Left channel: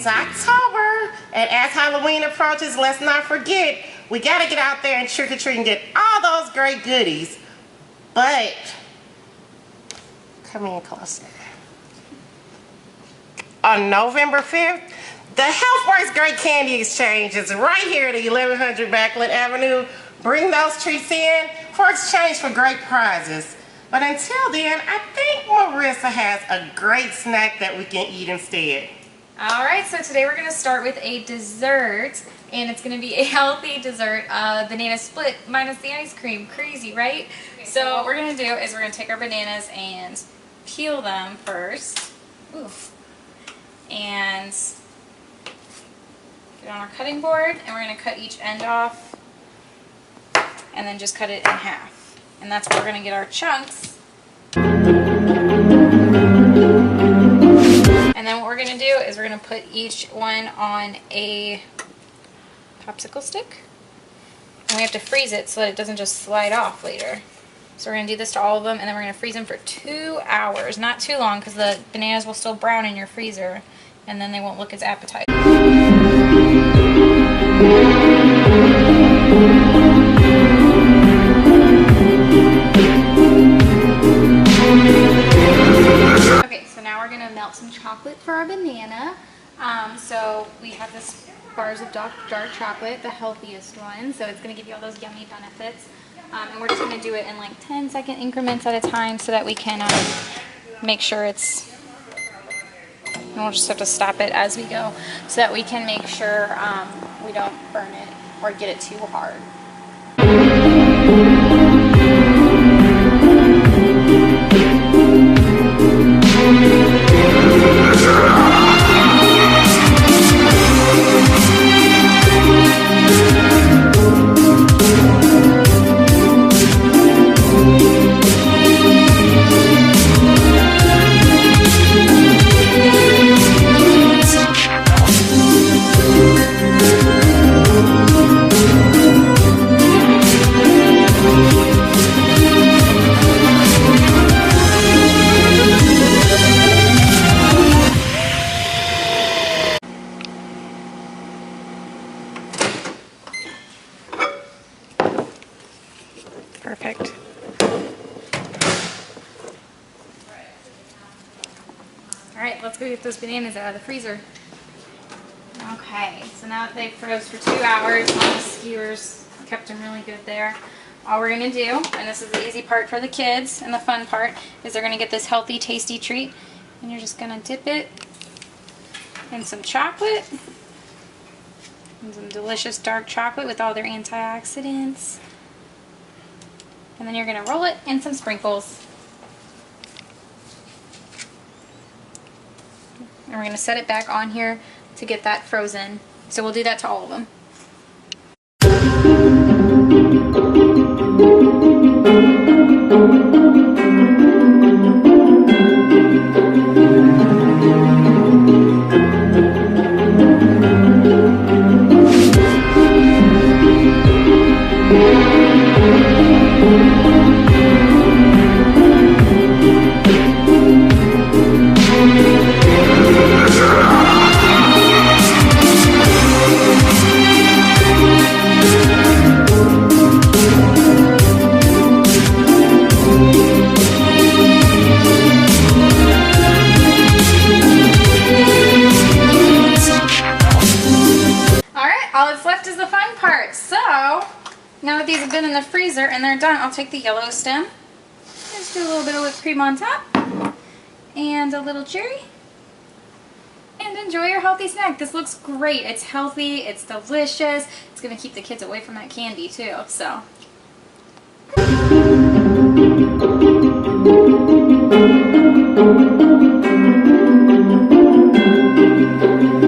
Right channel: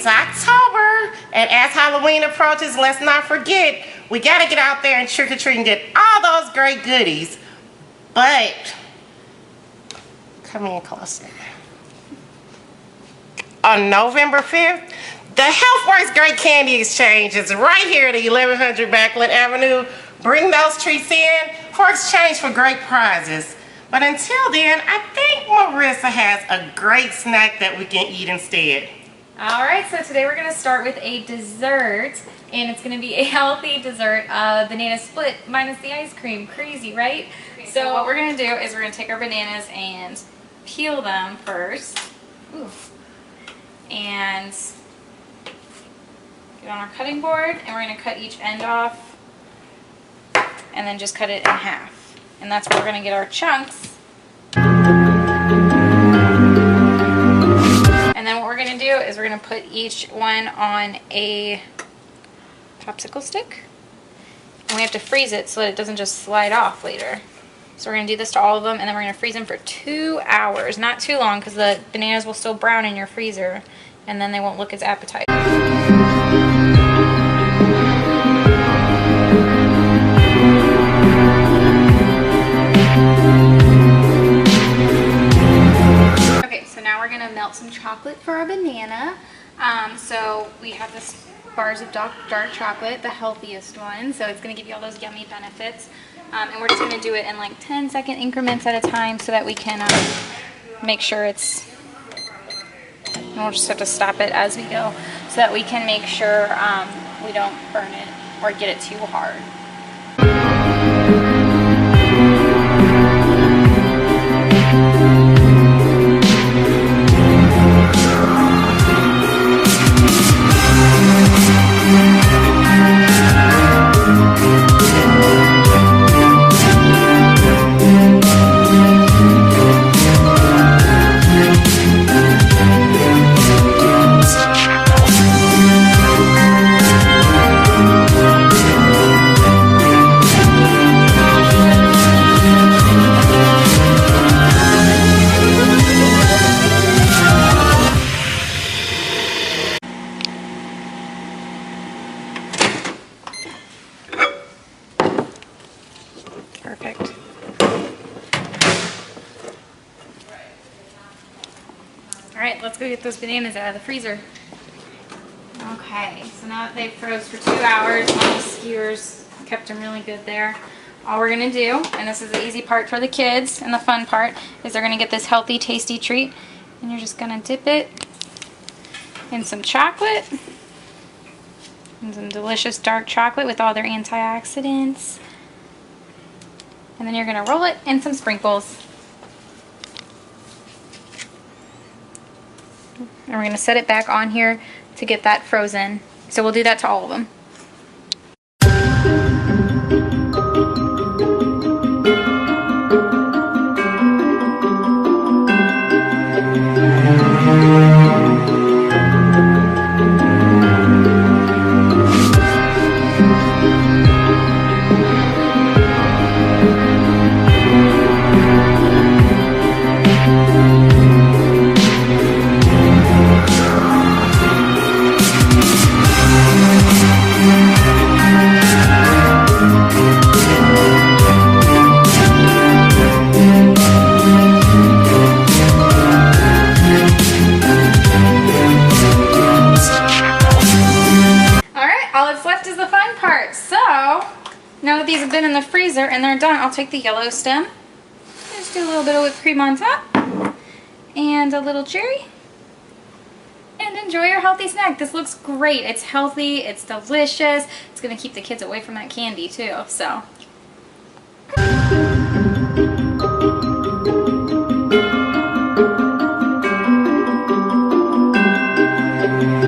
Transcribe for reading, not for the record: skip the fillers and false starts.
It's October, and as Halloween approaches, let's not forget, we gotta get out there and trick-or-treat and get all those great goodies. But, come in closer. On November 5th, the HealthWorks Great Candy Exchange is right here at 1100 Backland Avenue. Bring those treats in for exchange for great prizes. But until then, I think Marissa has a great snack that we can eat instead. All right, so today we're gonna start with a dessert, and it's gonna be a healthy dessert, banana split minus the ice cream. Crazy, right? Okay, so what we're gonna do is we're gonna take our bananas and peel them first. Oof. And get on our cutting board, and we're gonna cut each end off, and then just cut it in half. And that's where we're gonna get our chunks. And then what we're gonna do is we're gonna put each one on a popsicle stick. And we have to freeze it so that it doesn't just slide off later. So we're gonna do this to all of them, and then we're gonna freeze them for 2 hours. Not too long, because the bananas will still brown in your freezer, and then they won't look as appetizing. We're gonna melt some chocolate for our banana. So we have this bars of dark chocolate, the healthiest one. So it's gonna give you all those yummy benefits. And we're just gonna do it in like 10-second increments at a time so that we can make sure it's, and we'll just have to stop it as we go so that we can make sure we don't burn it or get it too hard. Perfect. All right, let's go get those bananas out of the freezer. Okay, so now that they've froze for 2 hours on the skewers, kept them really good there. All we're gonna do, and this is the easy part for the kids and the fun part, is they're gonna get this healthy, tasty treat, and you're just gonna dip it in some chocolate, and some delicious dark chocolate with all their antioxidants. And then you're going to roll it in some sprinkles. And we're going to set it back on here to get that frozen. So we'll do that to all of them. All that's left is the fun part. So, now that these have been in the freezer and they're done, I'll take the yellow stem, just do a little bit of whipped cream on top, and a little cherry, and enjoy your healthy snack. This looks great. It's healthy, it's delicious, it's going to keep the kids away from that candy too, so.